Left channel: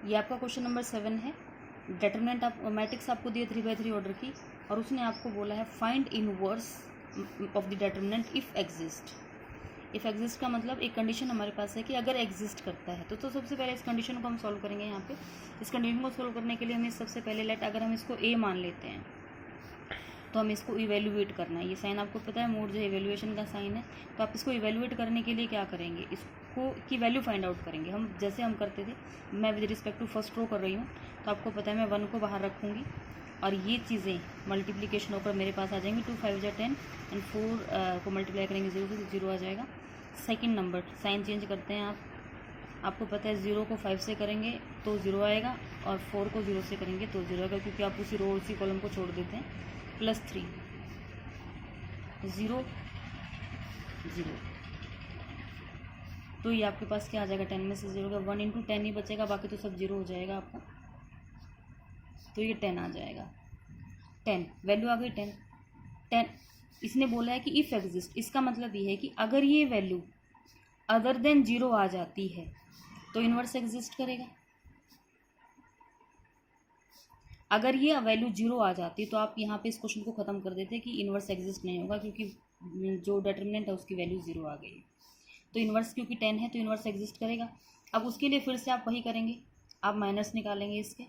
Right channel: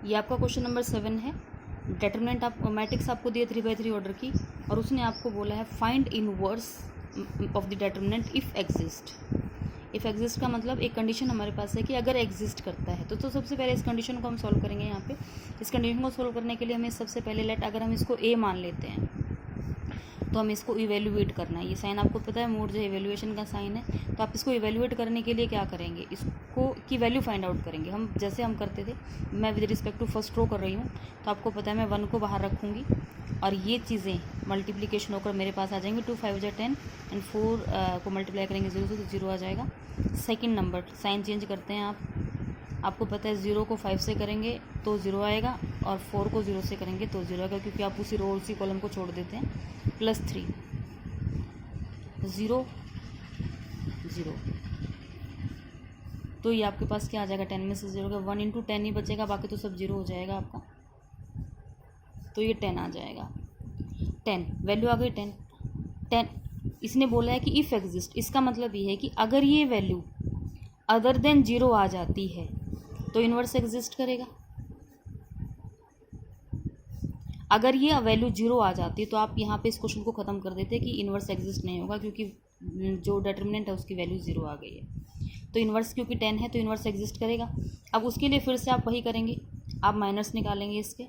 ये आपका question number 7 है। डिटरमिनेंट आप मैट्रिक्स आपको दिए 3/3 ऑर्डर की, और उसने आपको बोला है find inverse of the determinant if exist. If exist का मतलब एक कंडीशन हमारे पास है कि अगर एग्जिस्ट करता है तो सबसे पहले इस कंडीशन को हम सॉल्व करेंगे। यहाँ पे इस कंडीशन को सॉल्व करने के लिए हमें सबसे पहले अगर हम इसको ए मान लेते हैं तो हमें इसको इवेल्युएट करना है। ये साइन आपको पता है, मोड जो इवेल्युएशन का साइन है। तो आप इसको इवेल्युएट करने के लिए क्या करेंगे, इसको की वैल्यू फाइंड आउट करेंगे। हम जैसे हम करते थे, मैं with respect to first row कर रही हूँ, तो आपको पता है मैं 1 को बाहर रखूँगी और ये चीज़ें मल्टीप्लिकेशन होकर मेरे पास आ जाएंगी। 2 5 10 एंड 4 को मल्टीप्लाई करेंगे 0 से, तो 0 आ जाएगा। सेकेंड नंबर साइन चेंज करते हैं आपको पता है 0 को 5 से करेंगे तो 0 आएगा, और 4 को 0 से करेंगे तो 0 आएगा, क्योंकि आप उसी रो उसी कॉलम को छोड़ देते हैं। +3 0 0, तो ये आपके पास क्या आ जाएगा, 10 में से 0 का 1 × 10 ही बचेगा, बाकी तो सब 0 हो जाएगा आपका। तो ये 10 आ जाएगा। 10 वैल्यू आ गई 10। इसने बोला है कि इफ़ एग्जिस्ट, इसका मतलब ये है कि अगर ये वैल्यू अदर देन 0 आ जाती है तो इन्वर्स एग्जिस्ट करेगा। अगर ये वैल्यू 0 आ जाती है तो आप यहाँ पे इस क्वेश्चन को ख़त्म कर देते कि इन्वर्स एग्जिस्ट नहीं होगा, क्योंकि जो डिटरमिनेंट है उसकी वैल्यू 0 आ गई है। तो इन्वर्स क्योंकि 10 है तो इन्वर्स एग्जिस्ट करेगा। अब उसके लिए फिर से आप वही करेंगे, आप माइनस निकालेंगे इसके,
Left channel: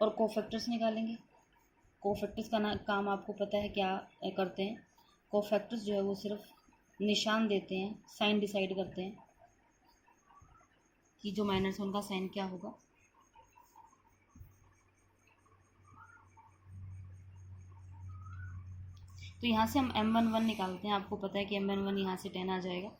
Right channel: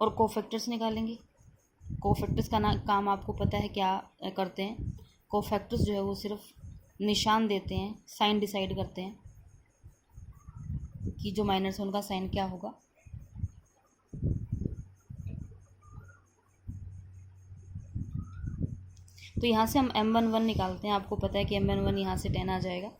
और कोफैक्टर्स निकालेंगे। कोफैक्टर्स का काम आपको पता है क्या करते हैं। कोफैक्टर्स जो है वो सिर्फ निशान देते हैं, साइन डिसाइड करते हैं कि जो माइनर्स है उनका साइन क्या होगा। तो यहाँ से हम m11 निकालते हैं। आपको पता है कि m11 यहाँ से 10 आ जाएगा।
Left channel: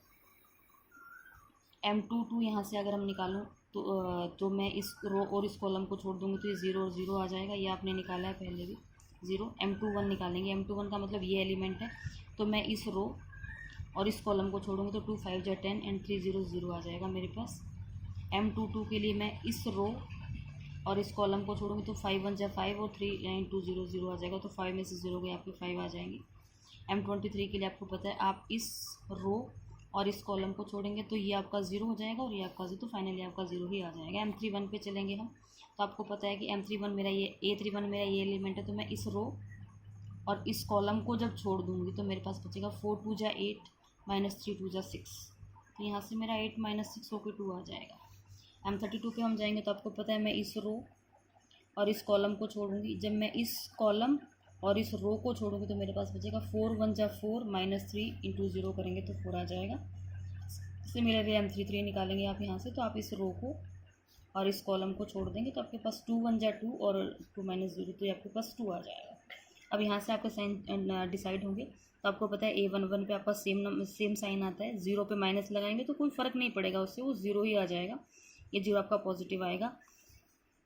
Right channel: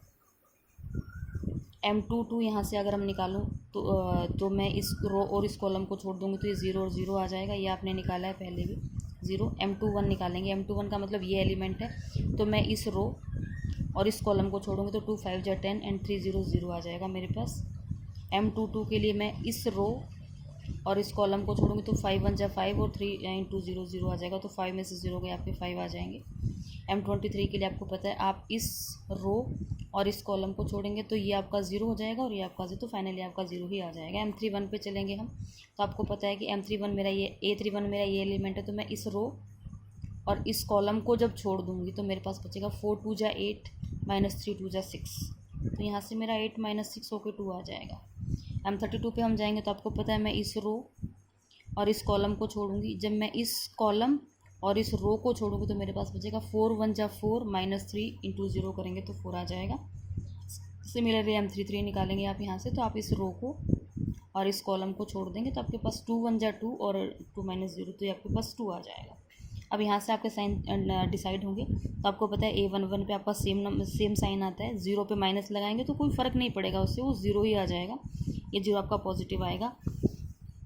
m22 यहाँ से अगर हम निकालूँ तो मैं इस रो और इस कॉलम को छोड़ दूँगी तो ये 0 और 0 आ जाएगा। ये आपने निकाला है पहले भी 0। m21 निकालेंगे, m21 का मतलब ये एलिमेंट है, तो मैं इस रो और इस कॉलम को छोड़ूंगी तो 2 5 10 एंड 3 0 0 आ जाएगा मेरे पास। m22 के लिए मैं इस रो और इस कॉलम को छोड़ूंगी तो 5 1 5 और 3 × 0 0 आ जाएगा, तो 5 में से 0 गए आपके 5 आ जाएंगे। m23 के लिए आपको पता है आप इस रो और इस कॉलम को छोड़ेंगे तो ये आपका 0 हो जाएगा और ये आपका 0, तो फाइनली आपका 0 ही आ जाएगा। m31 पे चलेंगे हम, तो आपको पता है कि m31 मेरा ये a31 मेरा ये एलिमेंट है, तो मैं इस रो और इस कॉलम को जब छोड़ दूंगी तो मेरे पास बचेगा 4 2 8 -3 2 6, तो यहाँ से मेरा 8 - 6 होकर 2 आ जाएगा। m32 पे हम जाएंगे तो आपको पता है मैं इस रो और इस कॉलम को छोड़ूंगी। जब मैं इस कॉलम और इस रो को छोड़ूंगी तो मेरे पास बचेगा 4 1 4 -3 × 0 करेंगे तो 4 आ जाएगा। सिमिलरली m33 निकालेंगे आप यहाँ से, तो आप इस रो को और इस कॉलम को छोड़ देंगे तो आपके पास 2 1 2 और 2 -0, तो ये आपके पास 2 आ जाएगा। अब यहाँ से आपके साइन डिसाइड होंगे, तो आपको पता है a11 पे आपका सेम साइन आता है। 0 पे माइनस लगाएंगे तो कोई फ़र्क नहीं पड़ेगा, उससे वो 0 ही आ जाएगा। ये 0 आपका पॉजिटिव आएगा।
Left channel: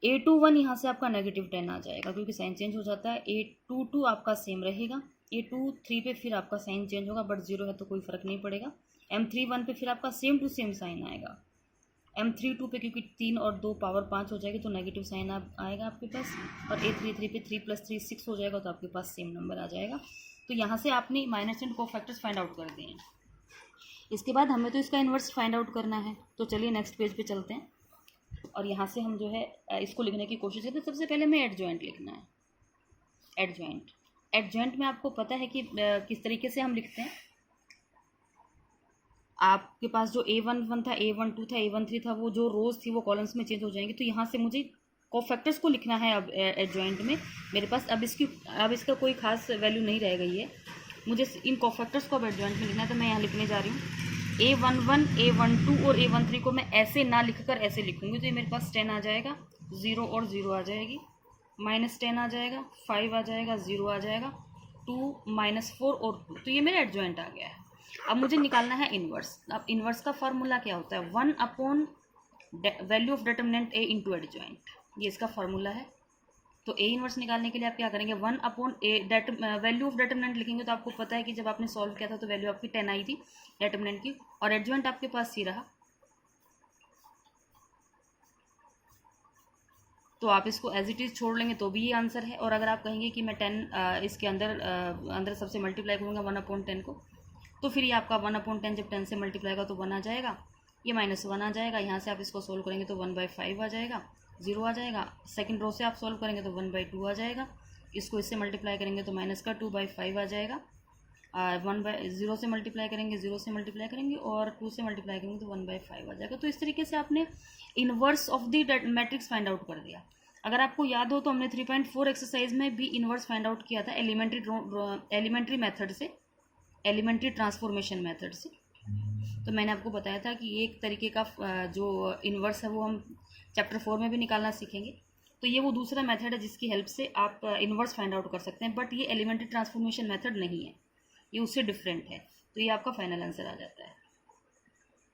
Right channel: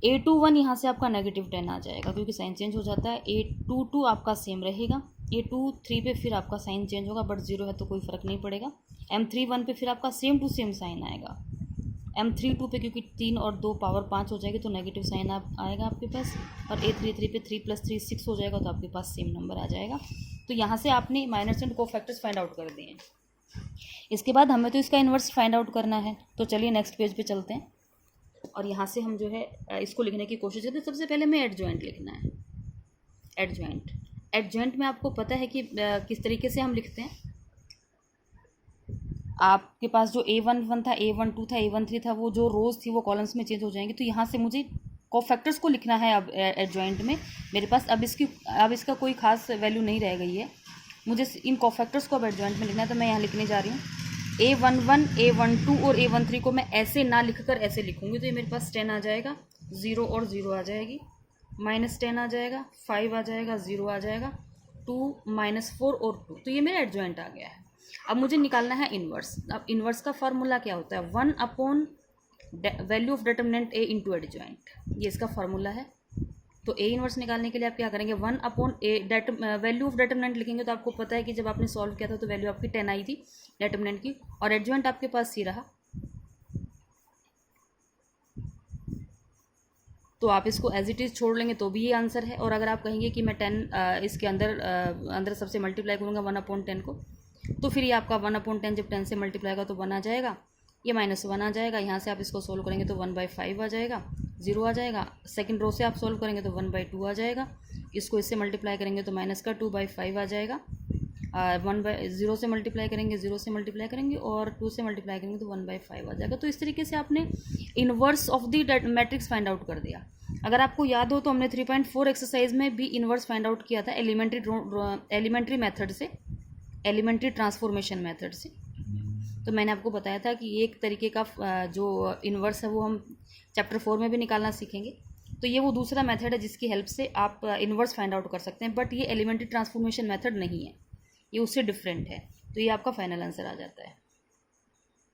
a21 यहाँ से आपका -10 आ जाएगा, क्योंकि साइन चेंज हो जाता है। a22 आपका सेम रहेगा। a23 पे फिर आपका साइन चेंज होगा, बट 0 है तो कोई फ़र्क नहीं पड़ेगा। m31 पे फिर आपका सेम टू सेम साइन आएगा। m32 पे क्योंकि 3 और 2 पावर 5 हो जाएगी तो नेगेटिव साइन आएगा आपके पास। और a33 पे 3 + 3 6 हो जाएगा, तो आपके पास सेम नंबर आ जाएगा। तो यहाँ से आपने minus and cofactors find out कर दिए हैं। इसके बाद हमें तो इसका इन्वर्स फाइंड आउट करना है, तो चलिए नेक्स्ट पेज पे चलते हैं। और यहाँ से हम जो है इसको लिखने की कोशिश करते हैं। सबसे पहले हमें एडजॉइंट लिखना है। एडजॉइंट में आपको पता है कि किस तरीके से हम लिखते हैं। आपके पास जो a11 था, a12 था, a13 था, वो जो रोज़ थी वो कॉलम्स में चेंज हो जाएंगे। तो यहाँ से मुझे कोफैक्टर्स को लिखना है अब एडजॉइंट में मेरे पास। अब इसका कोई खास वैल्यू नहीं रह गई है, मुझे इन कोफैक्टर्स को अब एडजॉइंट में लिखना है। तो मैं यहाँ लिखने जा रही हूँ a11 a12 और a13 को मैं ऐसे ना लिखकर ऐसे लिखूँगी, तो ये मेरे पास 10 आ जाएगा, 0 और 0 आ जाएगी, -10 आ जाएगा, 5 आ जाएगा, 0 आ जाएगा, 2 -4 और 2, तो ये मेरा एडजॉइंट आ गया है। अब मुझे निकालना है इन्वर्स। अब इन्वर्स का फार्मूला क्या होता है, 1 value of determinant a into adjoint, ये इसका फार्मूला है। तो a इन्वर्स निकालने के लिए आप क्या करेंगे, 1/a वैल्यू ऑफ डिटरमिनेंट लिखेंगे। तो आपको पता है कि जब आपने सॉल्व किया था तो वैल्यू आपकी 10 आई थी डिटरमिनेंट की, और एडजॉइंट आपके पास सी रहा। तो आप इसको एज इट इज़ छोड़ लेंगे तो भी ये आंसर है। और अगर आप कहेंगे कि मैं 10 इसके अंदर सबसे मल्टीप्लाई करूँगा 1/10 को, तो फिर ये आपका 1/10 जब 10 से मल्टीप्लाई होगा तो 1 आ जाएगा, ये -1 आ जाएगा। यहाँ से आप इसको सोल्व करेंगे तो 1/5 आ जाएगा, 0 आ जाएगा। सेकंड रो से आप सोल्व करेंगे तो 1/2 आ जाएगा। इसको इससे मल्टीप्लाई करेंगे तो -2/5 आ जाएगा। 0 से मल्टीप्लाई करेंगे, 0 से मल्टीप्लाई करेंगे और 2 से मल्टीप्लाई करेंगे तो 1/5 आ जाएगा। तो इस तरीके से आपने inverse of the matrix find out कर दिया। अगर आपको याद हो तो हमने 3.4 एक्सरसाइज में भी इन्वर्स फाइंड आउट किया था एलिमेंट्री मेथड से, एलिमेंट्री ट्रांसफॉर्मेशन मेथड से। तो मैंने आपको बताया था कि एक तरीके का जो इन्वर्स है वो हम चैप्टर 4 में भी निकालना सीखेंगे। तो ये वो दूसरा मेथड है जिसकी हेल्प से आप इन्वर्स फाइंड आउट कर सकते हैं, बट ये एलिमेंट्री ट्रांसफॉर्मेशन मेथड नहीं है, ये उससे डिफरेंट है। तो ये आपका फाइनल आंसर आ जाता है।